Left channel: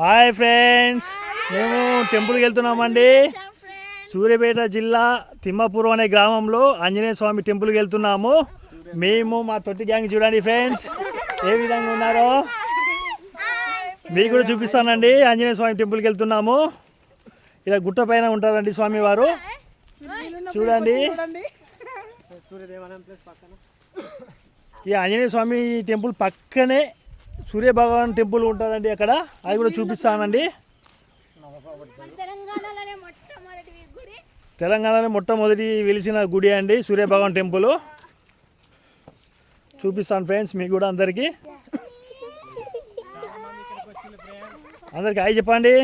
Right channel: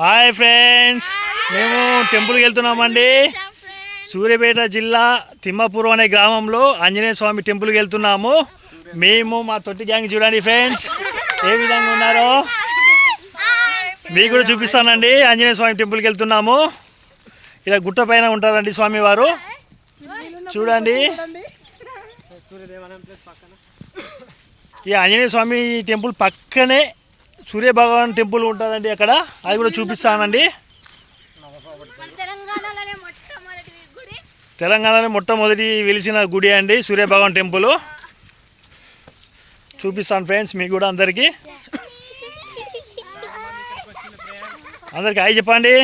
Hi friends. మేము టెంపుల్కి వెళ్తున్నామండి. సూర్యాపేట జిల్లా తిమ్మాపురం అనే గ్రామంలో ఆంజనేయ స్వామి టెంపుల్కి వెళ్తున్నాము. మేము మా తొట్టి గ్యాంగ్ చూడండి ఫ్రెండ్స్. ఏ విధంగా ఉన్నారో? మీకు కూడా చూపిస్తానండి. ఆంజనేయ స్వామి టెంపుల్కి వెళ్తున్నాము. ఇలా గుట్ట పైన ఉంటారండి స్వామి వారు చూడండి. ఈ ఆంజనేయ స్వామి టెంపుల్ పక్కనే సూర్య భగవాన్ టెంపుల్ ఉంటుందండి అక్కడ. అది కూడా చూపిస్తానండి. తెలంగాణలో మొట్టమొదటి వెలిసిన గుడి అండి సూర్య భగవాన్ టెంపుల్. చూపిస్తాను ఫ్రెండ్స్ మీకు కూడా అందరికీ. అందరికి హాయ్ చెప్పండి.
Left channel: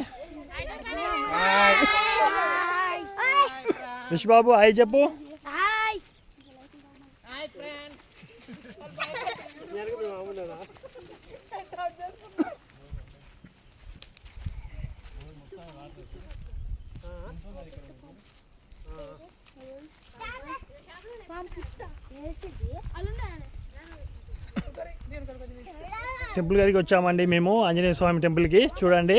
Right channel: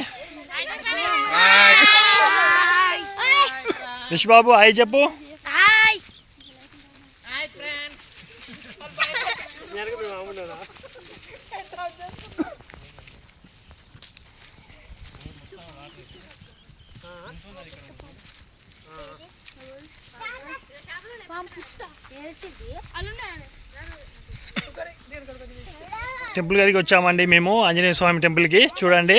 రిష్ బాబు హాయ్ చెప్పు హాయ్ టెంపుల్ గారికి వచ్చామండి మేము. ఆంజనేయ స్వామి టెంపుల్కి. చూడండి.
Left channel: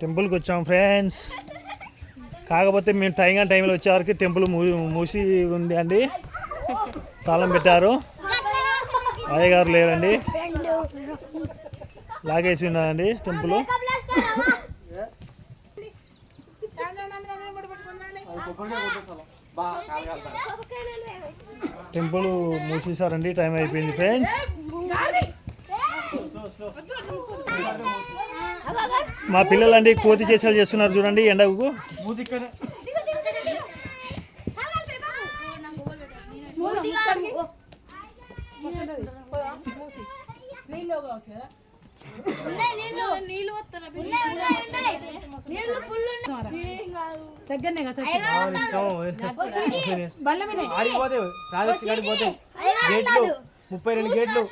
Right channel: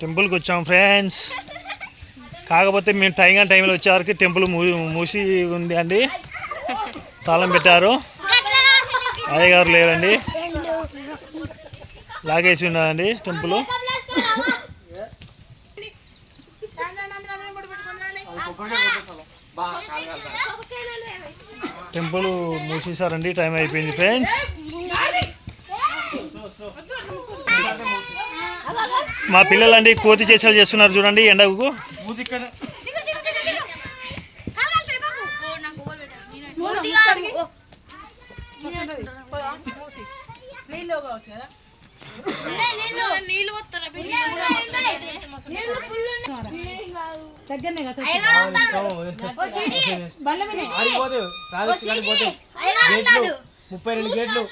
టెంపుల్కి వచ్చాం ఫ్రెండ్స్ కాకపోతే మేము టైం టైంలో వచ్చేవరకు టెంపుల్ మూ- మూసి ఉంది అండి తాళం పెట్టారు అయ్యగారు లేరండి లాగేసి ఉన్నదండి టెంపుల్ టెంపుల్ మూసేశారండి టైం అయిపోయింది ఫ్రెండ్స్. మా పిల్లలండి కోతి చేసాలు చేస్తున్నారు చూడండి ఎండకు. నీళ్ళు వస్తారా కదా ముప్పై రెండు గేట్లు.